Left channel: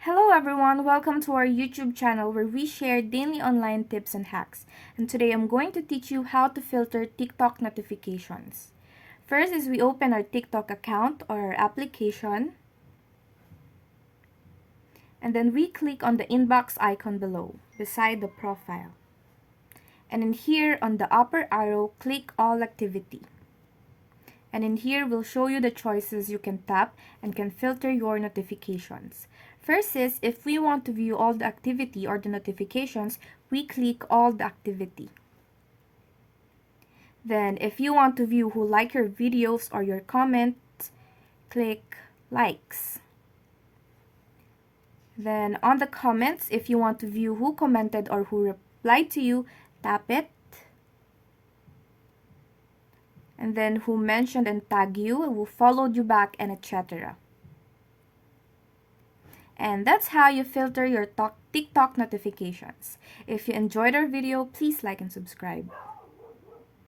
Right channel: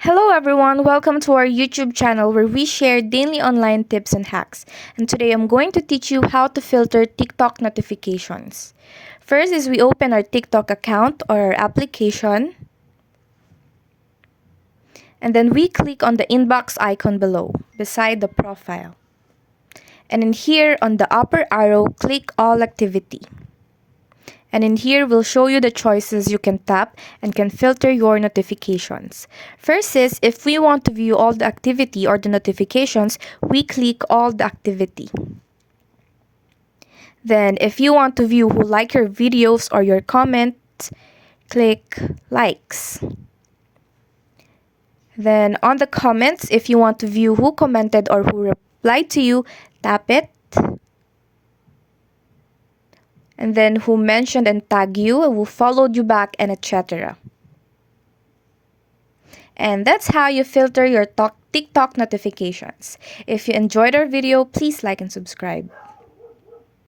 Hello everyone, welcome to our YouTube channel where we share daily online tips and hacks. And today I'm going to teach you how to filter TikTok notifications. First is we open our TikTok account or our application. And then we click on the inbox icon below, beside the profile. And in here on the upper arrow, click all activity. And in here, we'll show you the choices you can tap and can filter your notifications. First is, if we want to view all the activity or the notifications, we click all the activity. Then, if you want to view who like your videos or your comments, click likes. Then, on the comments, if you want to view who commented or who replied to you, tap it. And then who mentioned and tagged you, who followed you back, and etc. And that's how you filter your TikTok notifications. If you enjoyed our video, please like and subscribe.